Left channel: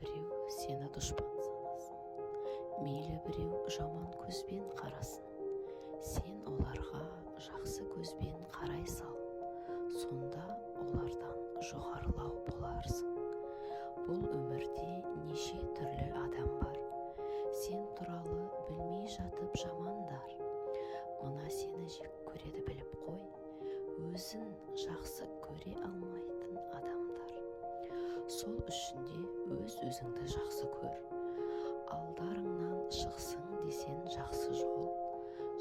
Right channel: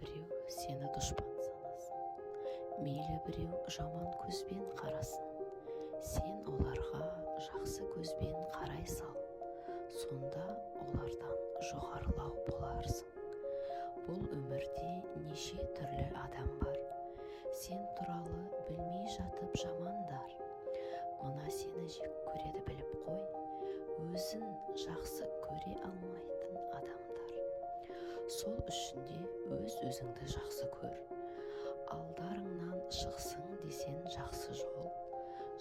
біреу сені дұшпан санасын, мейлі біреу жаман көзбен қарасын, сен оларға жақсы көзбен қарай сал, сонда олардан жоғарылау боларсың. Бұл өмірде неше түрлі адам бар, сен туралы білмей жатып жамандар. Мына сені жек көреді біліп қой, өзін жақсы көре алмайтын адамдар. Сол үшін де өз-өзіңді жақсы көр. Алдарыңнан шықсын десен жақсы жол,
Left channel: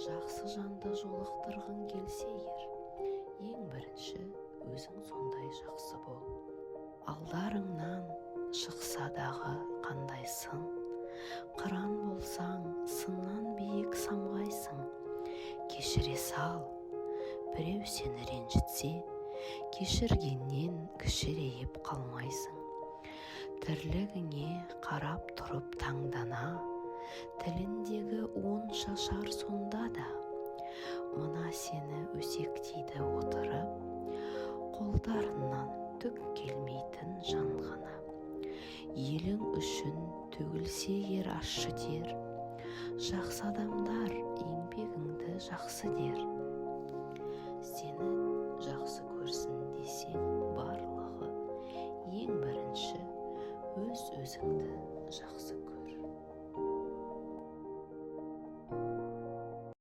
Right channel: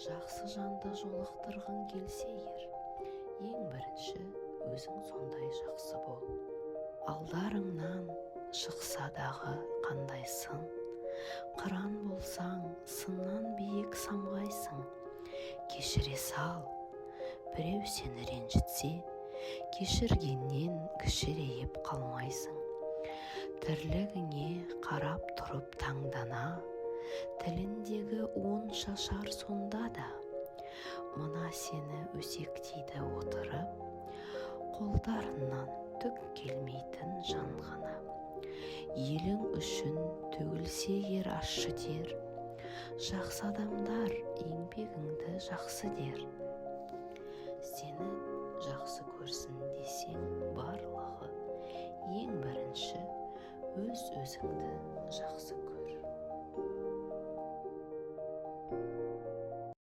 жақсы жанды жолықтырғың келсе егер, ең бірінші өзің сондай жақсы бол. Алдарыңнан шықса дағы қандай сын, қыран болсаң сыннан биік самғайсың. Кешіре сал, біреу сені ренжітсе, кешіргеннен кішірейіп қалмайсың. Тірлігіңе қарап тұрып таңдана, тіліндегі он шашар сонда да. Мына сені өсектейді отырып, қолдарынан түк келмейтін жан ғана. Елің үшін төгілсе ер ащы тер, жақсы адамдар еңбегіңді жақсы дер. Сені жақсы көрсін десең барлығы, ең бірінші өз-өзіңді жақсы